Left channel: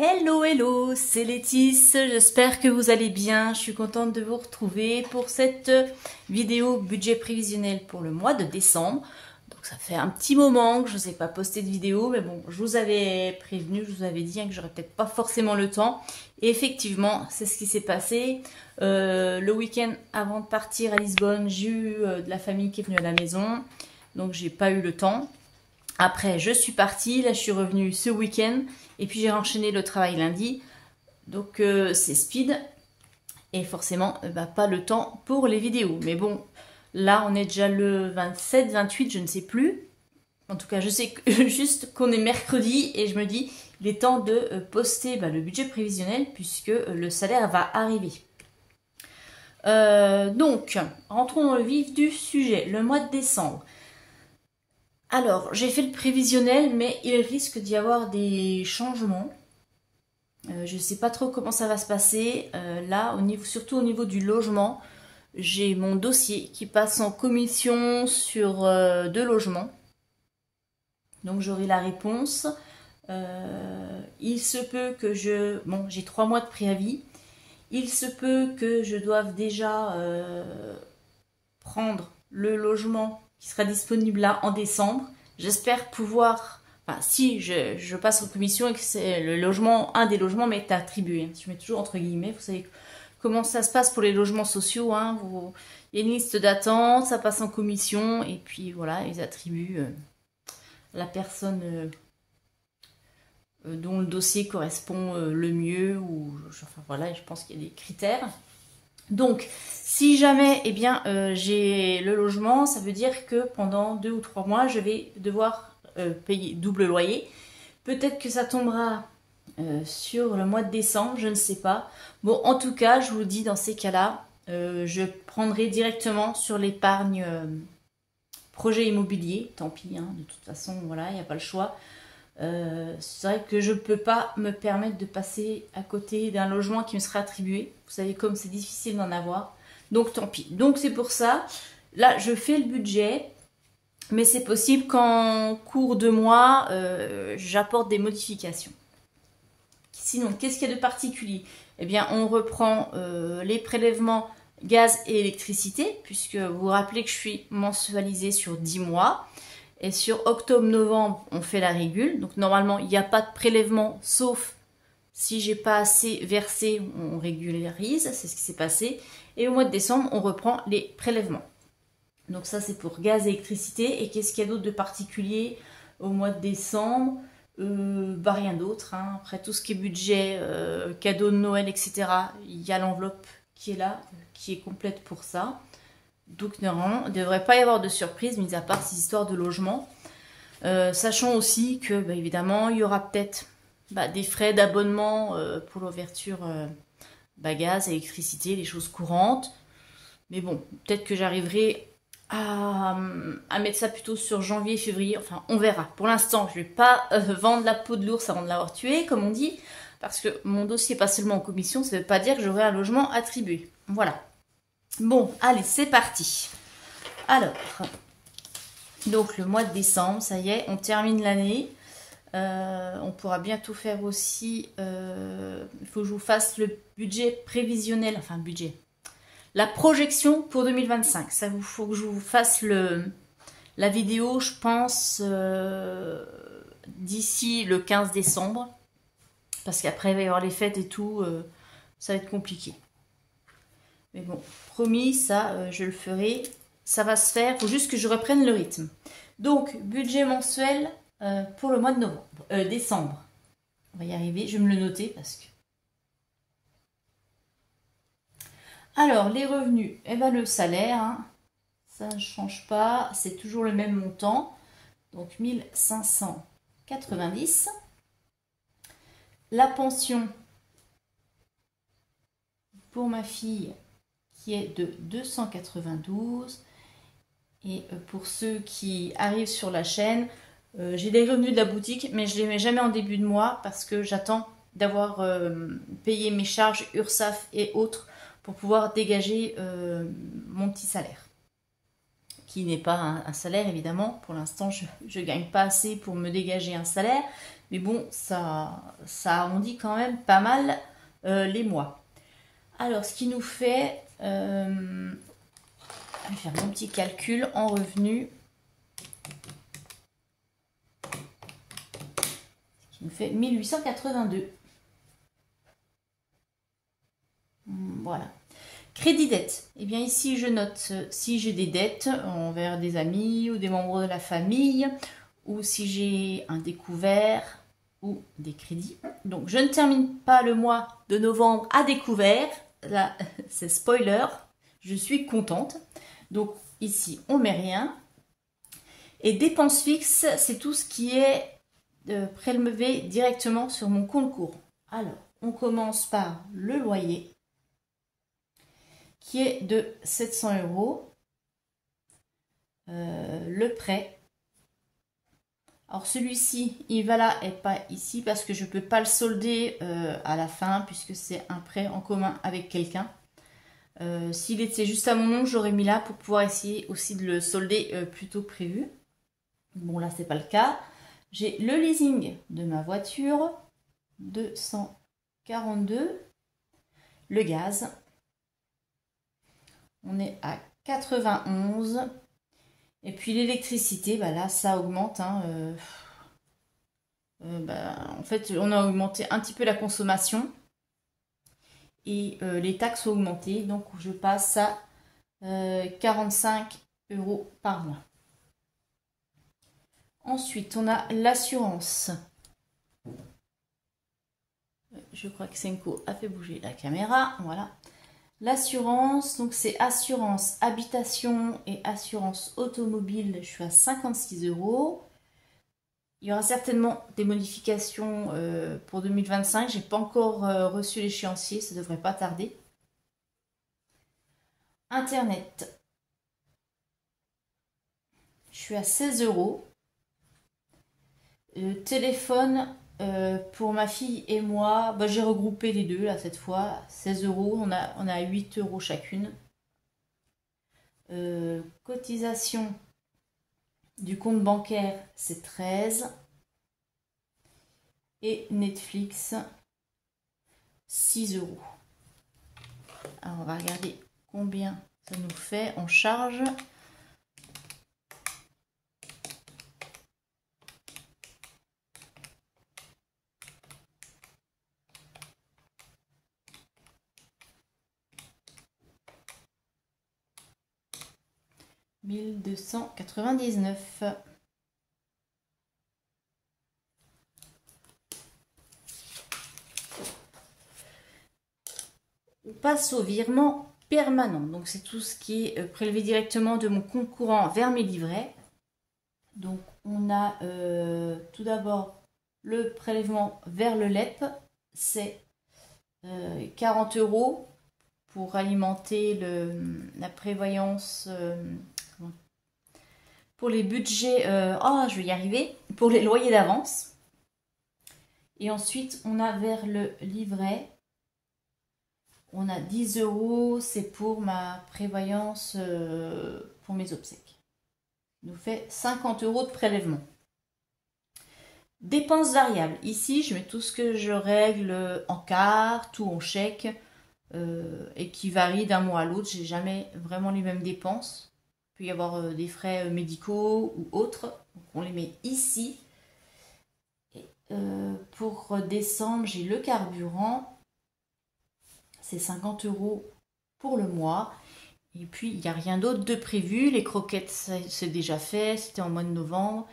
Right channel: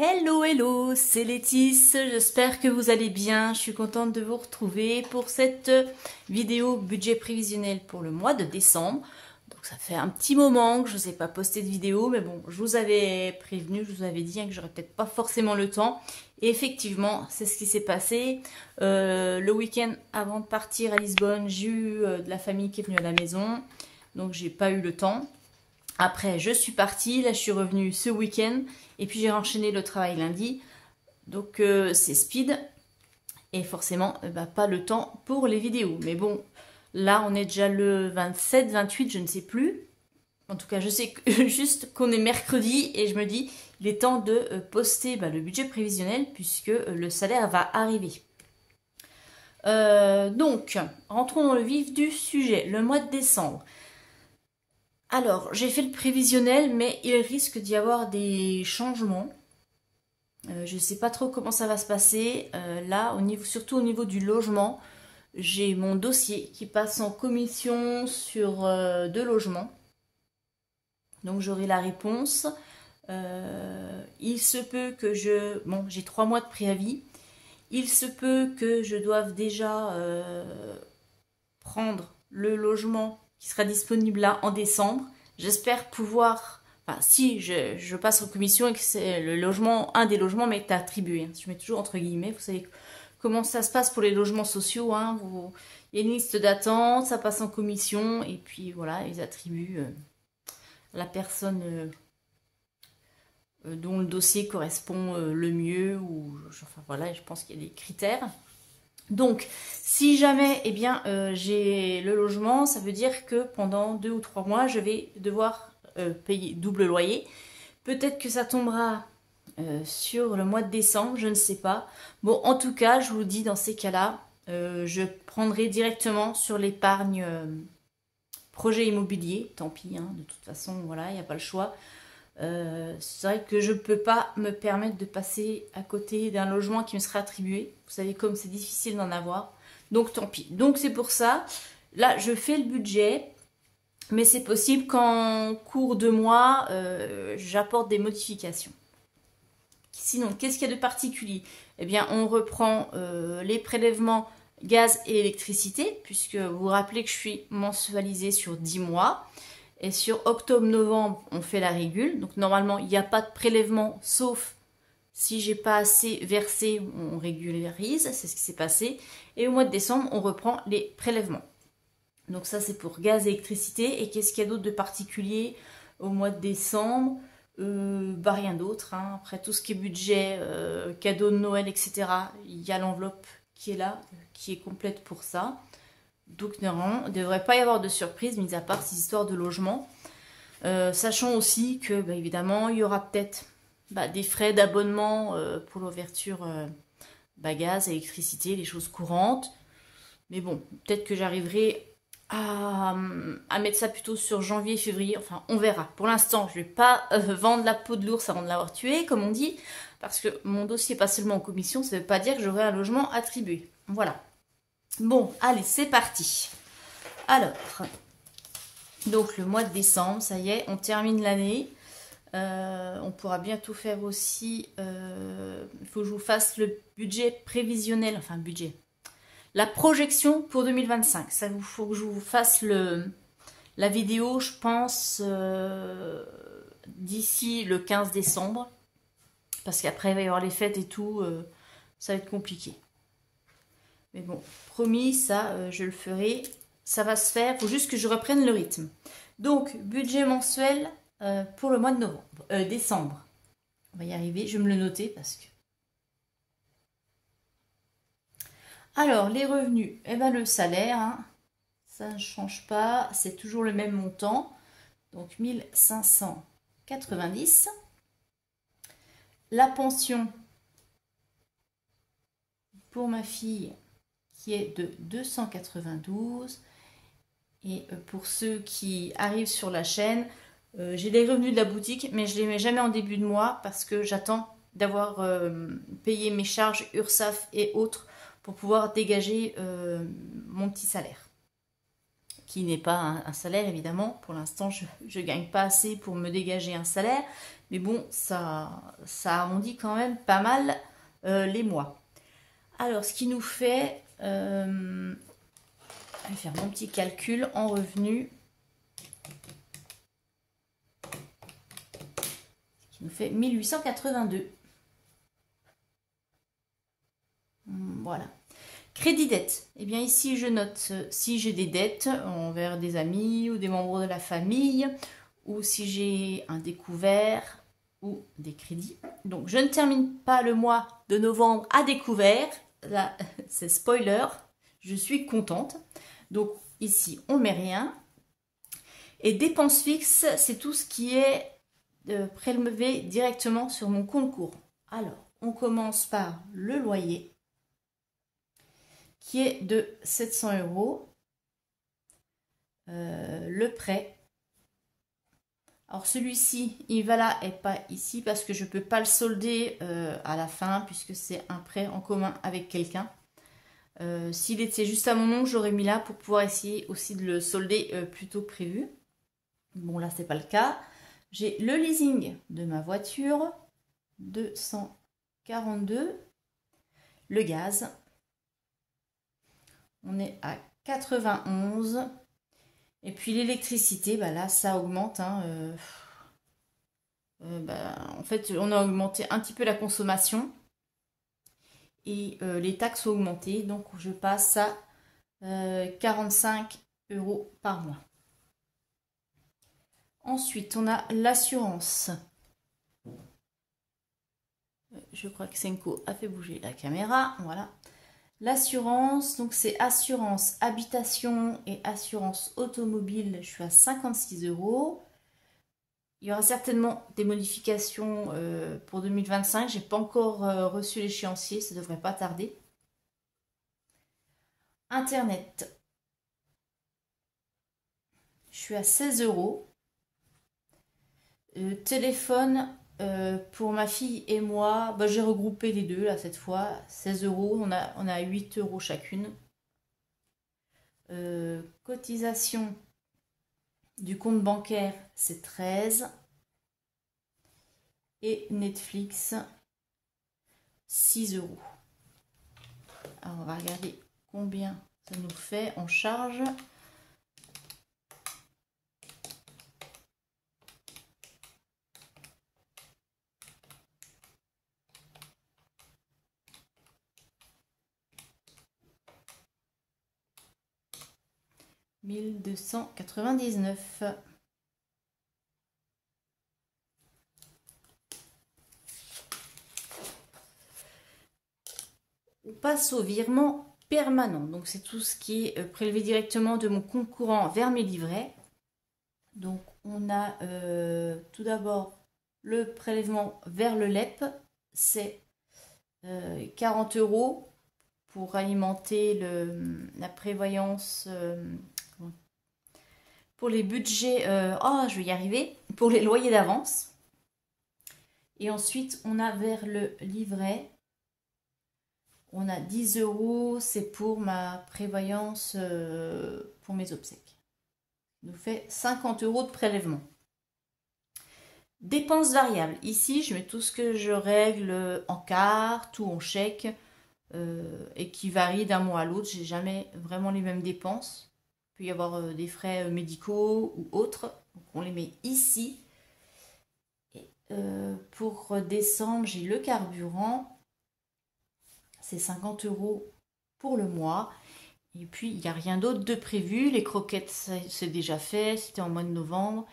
Hello, hello, c'est Laetice, j'espère que vous allez bien. Je suis contente de vous retrouver pour cette vidéo budget prévisionnel pour le mois de décembre. Donc ça fait un petit moment que je ne vous ai pas posté de vidéo, mais bon, je vous avais prévenu, je vous avais dit que j'aurais peut-être pas forcément le temps. Et effectivement, c'est ce qui s'est passé. Le week-end avant de partir à Lisbonne, j'ai eu de la famille qui est venue à la maison, donc j'ai pas eu le temps. Après, je suis partie, là je suis revenue ce week-end et puis j'ai enchaîné le travail lundi. Donc c'est speed et forcément pas le temps pour les vidéos. Mais bon, là on est déjà le 27, 28, je ne sais plus. En tout cas, je sais juste qu'on est mercredi et je me dis il est temps de poster le budget prévisionnel puisque le salaire va arriver. Donc, rentrons dans le vif du sujet, le mois de décembre. Alors, j'ai fait le prévisionnel, mais il risque d'y avoir des changements. Je ne sais pas trop comment ça va se passer. Là, surtout au niveau du logement, j'ai mon dossier qui passe en commission sur 2 logements. Donc, j'aurai la réponse. Il se peut que j'ai 3 mois de préavis. Il se peut que je doive déjà prendre le logement qui sera disponible là en décembre. J'espère pouvoir, si je passe en commission et que c'est un des logements m'est attribué. Je mets toujours entre guillemets, vous savez comment ça se passe pour les logements sociaux. Il y a une liste d'attente, ça passe en commission et puis voilà, ils attribuent la personne dont le dossier correspond le mieux. Je pense qu'il y a des critères. Donc, si jamais j'ai le logement, ça veut dire que pendant 2 ou 3 mois, je vais devoir payer double loyer. Peut-être que ça tombera sur le mois de décembre, je ne sais pas. Bon, en tout cas, je vous dis, dans ces cas-là, je prendrai directement sur l'épargne projet immobilier. Tant pis, de toute façon, voilà, il n'y a pas le choix. C'est vrai que je ne peux pas me permettre de passer à côté d'un logement qui me sera attribué. Vous savez comme c'est difficile d'en avoir. Donc tant pis. Donc c'est pour ça. Là, je fais le budget. Mais c'est possible qu'en cours de mois, j'apporte des modifications. Sinon, qu'est-ce qu'il y a de particulier? Eh bien, on reprend les prélèvements gaz et électricité. Puisque vous vous rappelez que je suis mensualisée sur 10 mois. Et sur octobre-novembre, on fait la régule. Donc normalement, il n'y a pas de prélèvement, sauf si j'ai pas assez versé, on régularise. C'est ce qui s'est passé. Et au mois de décembre, on reprend les prélèvements. Donc ça, c'est pour gaz et électricité. Et qu'est-ce qu'il y a d'autre de particulier au mois de décembre? Rien d'autre. Après tout ce qui est budget, cadeau de Noël, etc. Il y a l'enveloppe qui est là, qui est complète pour ça. Donc normalement, il ne devrait pas y avoir de surprise, mis à part ces histoires de logement. Sachant aussi que, évidemment, il y aura peut-être des frais d'abonnement pour l'ouverture gaz, électricité, les choses courantes. Mais bon, peut-être que j'arriverai à mettre ça plutôt sur janvier, février. Enfin, on verra. Pour l'instant, je ne vais pas vendre la peau de l'ours avant de l'avoir tué, comme on dit. Parce que mon dossier n'est pas seulement en commission, ça ne veut pas dire que j'aurai un logement attribué. Voilà. Bon, allez, c'est parti. Alors, donc le mois de décembre, ça y est, on termine l'année. On pourra bientôt faire aussi, il faut que je vous fasse le budget prévisionnel, enfin budget, la projection pour 2025. Ça vous faut que je vous fasse la vidéo, je pense, d'ici le 15 décembre. Parce qu'après, il va y avoir les fêtes et tout, ça va être compliqué. Mais bon, promis, ça, je le ferai. Ça va se faire. Il faut juste que je reprenne le rythme. Donc, budget mensuel pour le mois de décembre. On va y arriver. Je vais me le noter parce que... Alors, les revenus. Le salaire, ça ne change pas. C'est toujours le même montant. Donc, 1590. La pension pour ma fille, qui est de 292. Et pour ceux qui arrivent sur la chaîne, j'ai les revenus de la boutique, mais je ne les mets jamais en début de mois parce que j'attends d'avoir payé mes charges URSSAF et autres pour pouvoir dégager mon petit salaire. Qui n'est pas un salaire évidemment. Pour l'instant, je ne gagne pas assez pour me dégager un salaire, Mais bon, ça arrondit quand même pas mal les mois. Alors, ce qui nous fait... je vais faire mon petit calcul en revenus. Ce qui nous fait 1882. Voilà. Crédit dette. Eh bien ici, je note si j'ai des dettes envers des amis ou des membres de la famille, ou si j'ai un découvert ou des crédits. Donc, je ne termine pas le mois de novembre à découvert. Là, c'est spoiler. Je suis contente. Donc, ici, on ne met rien. Et dépenses fixes, c'est tout ce qui est prélevé directement sur mon compte courant. Alors, on commence par le loyer, qui est de 700 €. Le prêt. Alors celui-ci, il va là et pas ici parce que je ne peux pas le solder à la fin puisque c'est un prêt en commun avec quelqu'un. S'il était juste à mon nom, j'aurais mis là pour pouvoir essayer aussi de le solder plus tôt que prévu. Bon, là, c'est pas le cas. J'ai le leasing de ma voiture, 242. Le gaz, on est à 91. Et puis l'électricité, bah là, ça augmente. Hein, en fait, on a augmenté un petit peu la consommation. Et les taxes ont augmenté. Donc, je passe à 45 € par mois. Ensuite, on a l'assurance. Je crois que Senko a fait bouger la caméra. Voilà. L'assurance, donc c'est assurance habitation et assurance automobile. Je suis à 56 €. Il y aura certainement des modifications pour 2025. Je n'ai pas encore reçu l'échéancier. Ça ne devrait pas tarder. Internet. Je suis à 16 €. Le téléphone, pour ma fille et moi, bah, j'ai regroupé les deux là cette fois. 16 €, on a 8 € chacune. Cotisation du compte bancaire, c'est 13. Et Netflix, 6 €. Alors on va regarder combien ça nous fait en charge. « 1299 ». On passe au virement permanent. Donc, c'est tout ce qui est prélevé directement de mon compte courant vers mes livrets. Donc, on a tout d'abord le prélèvement vers le LEP. C'est 40 € pour alimenter la prévoyance, pour les budgets, je vais y arriver, pour les loyers d'avance. Et ensuite, on a vers le livret, on a 10 €, c'est pour ma prévoyance pour mes obsèques. Ça nous fait 50 € de prélèvement. Dépenses variables. Ici, je mets tout ce que je règle en carte ou en chèque et qui varie d'un mois à l'autre. J'ai jamais vraiment les mêmes dépenses. Il peut y avoir des frais médicaux ou autres. Donc, on les met ici. Et, pour décembre, j'ai le carburant. C'est 50 € pour le mois. Et puis, il n'y a rien d'autre de prévu. Les croquettes, c'est déjà fait. C'était en mois de novembre.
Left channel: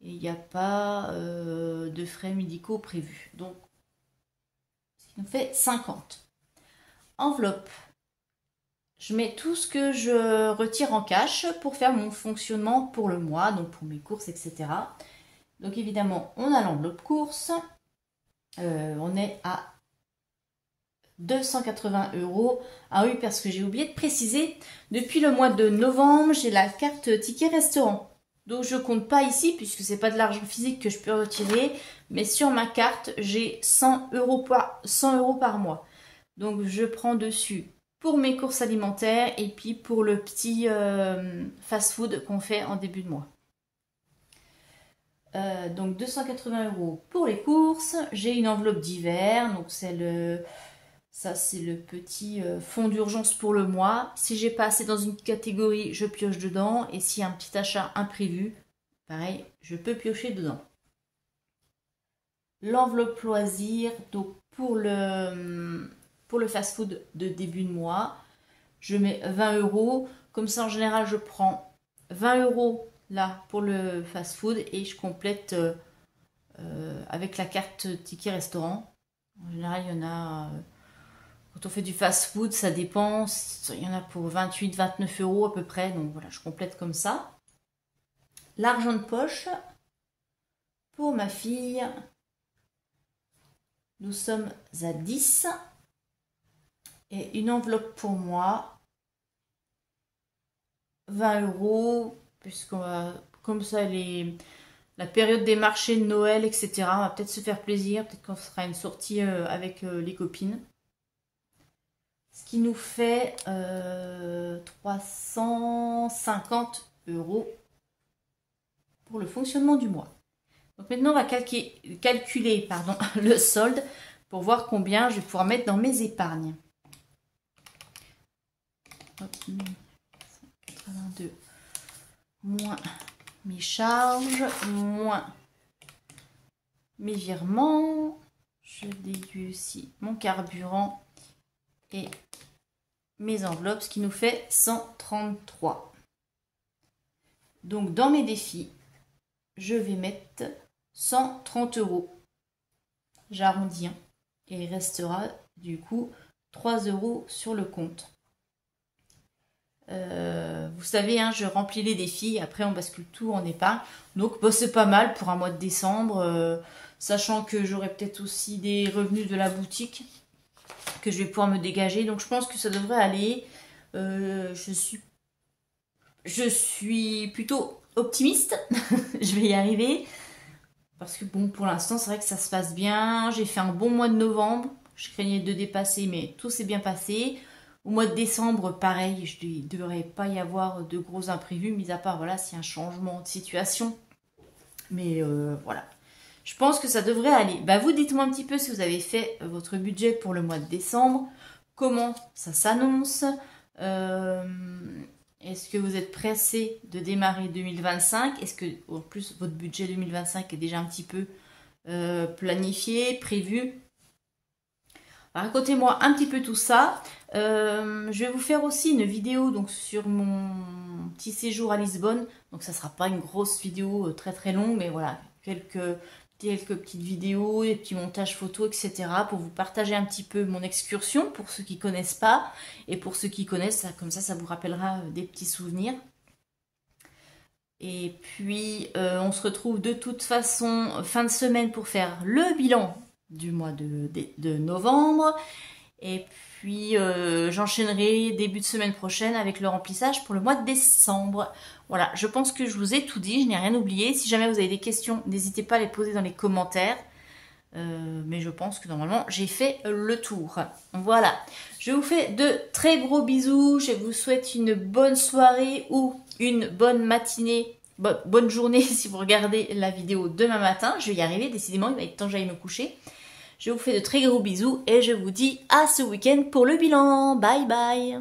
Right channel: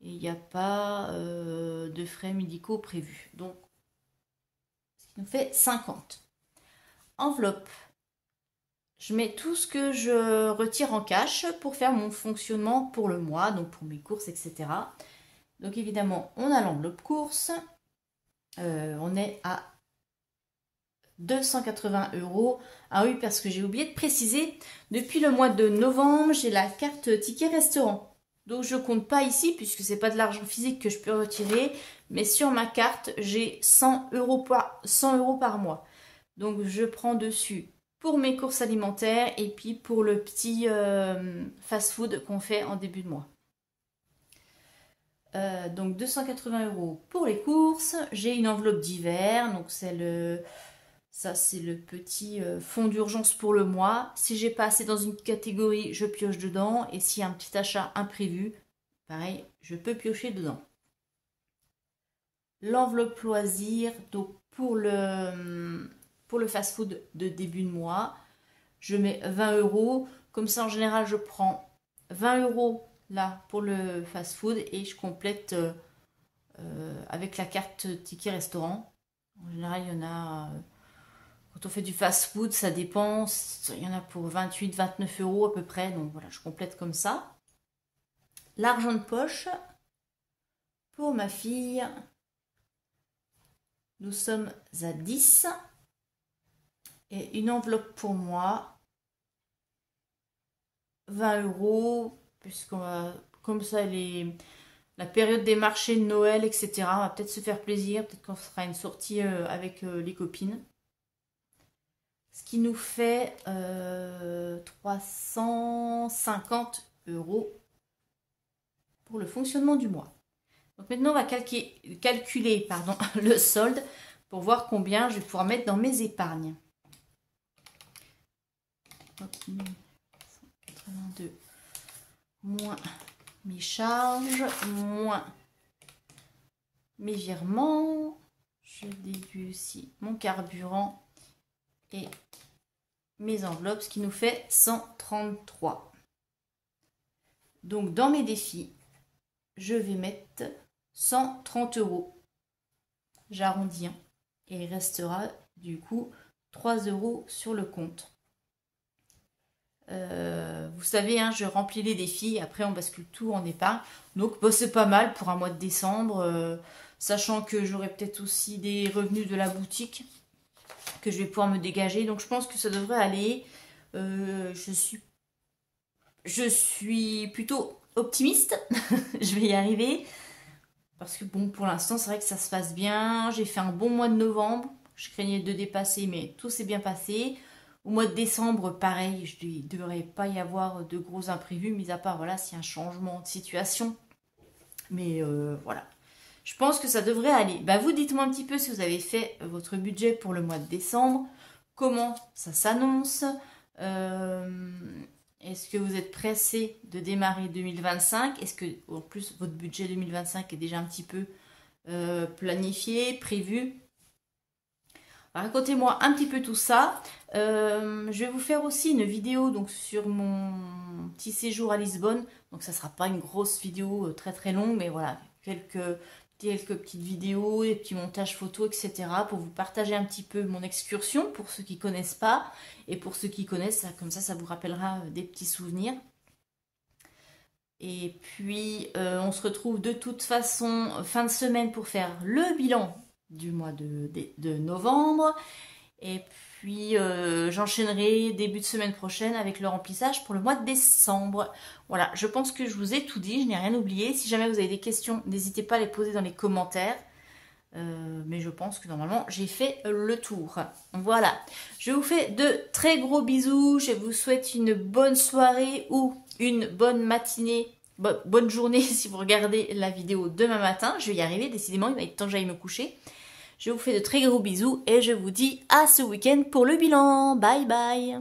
Et il n'y a pas de frais médicaux prévus. Donc, ce qui nous fait 50. Enveloppe. Je mets tout ce que je retire en cash pour faire mon fonctionnement pour le mois, donc pour mes courses, etc. Donc, évidemment, on a l'enveloppe course. On est à 280 €. Ah oui, parce que j'ai oublié de préciser, depuis le mois de novembre, j'ai la carte ticket restaurant. Donc je compte pas ici puisque c'est pas de l'argent physique que je peux retirer, mais sur ma carte j'ai 100 € par mois. Donc je prends dessus pour mes courses alimentaires et puis pour le petit fast-food qu'on fait en début de mois. Donc 280 € pour les courses. J'ai une enveloppe d'hiver, donc c'est ça c'est le petit fonds d'urgence pour le mois. Si j'ai pas assez dans une catégorie, je pioche dedans. Et s'il y a un petit achat imprévu, pareil, je peux piocher dedans. L'enveloppe loisir, donc pour le fast-food de début de mois, je mets 20 €. Comme ça, en général, je prends 20 € là pour le fast-food et je complète avec la carte ticket restaurant. En général, il y en a, quand on fait du fast-food, ça dépend, il y en a pour 28-29 € à peu près, donc voilà, je complète comme ça. L'argent de poche, pour ma fille, nous sommes à 10. Et une enveloppe pour moi, 20 €, puisqu'on va, comme ça, la période des marchés de Noël, etc. On va peut-être se faire plaisir, peut-être qu'on fera une sortie avec les copines. Ce qui nous fait 350 € pour le fonctionnement du mois. Donc maintenant, on va calculer le solde pour voir combien je vais pouvoir mettre dans mes épargnes. 82 moins mes charges, moins mes virements. Je déduis aussi mon carburant et mes enveloppes, ce qui nous fait 133. Donc dans mes défis, je vais mettre 130 €. J'arrondis et il restera du coup 3 € sur le compte. Vous savez, hein, je remplis les défis, après on bascule tout en épargne. Donc bah, c'est pas mal pour un mois de décembre, sachant que j'aurai peut-être aussi des revenus de la boutique que je vais pouvoir me dégager. Donc je pense que ça devrait aller. Je suis plutôt optimiste. Je vais y arriver. Parce que bon, pour l'instant, c'est vrai que ça se passe bien. J'ai fait un bon mois de novembre. Je craignais de dépasser, mais tout s'est bien passé. Au mois de décembre, pareil, il ne devrait pas y avoir de gros imprévus, mis à part, voilà, s'il y a un changement de situation. Mais voilà, je pense que ça devrait aller. Bah, vous, dites-moi un petit peu si vous avez fait votre budget pour le mois de décembre. Comment ça s'annonce? Est-ce que vous êtes pressé de démarrer 2025? Est-ce que, en plus, votre budget 2025 est déjà un petit peu planifié, prévu? Racontez-moi un petit peu tout ça. Je vais vous faire aussi une vidéo donc, sur mon petit séjour à Lisbonne. Donc ça ne sera pas une grosse vidéo très très longue, mais voilà, quelques petites vidéos, des petits montages photos, etc. pour vous partager un petit peu mon excursion pour ceux qui ne connaissent pas. Et pour ceux qui connaissent, comme ça vous rappellera des petits souvenirs. Et puis on se retrouve de toute façon fin de semaine pour faire le bilan du mois de novembre. Et puis j'enchaînerai début de semaine prochaine avec le remplissage pour le mois de décembre. Voilà, je pense que je vous ai tout dit, je n'ai rien oublié. Si jamais vous avez des questions, n'hésitez pas à les poser dans les commentaires. Mais je pense que normalement j'ai fait le tour. Voilà, je vous fais de très gros bisous. Je vous souhaite une bonne soirée ou une bonne matinée. Bonne journée si vous regardez la vidéo demain matin. Je vais y arriver, décidément, il va être temps que j'aille me coucher. Je vous fais de très gros bisous et je vous dis à ce week-end pour le bilan. Bye bye.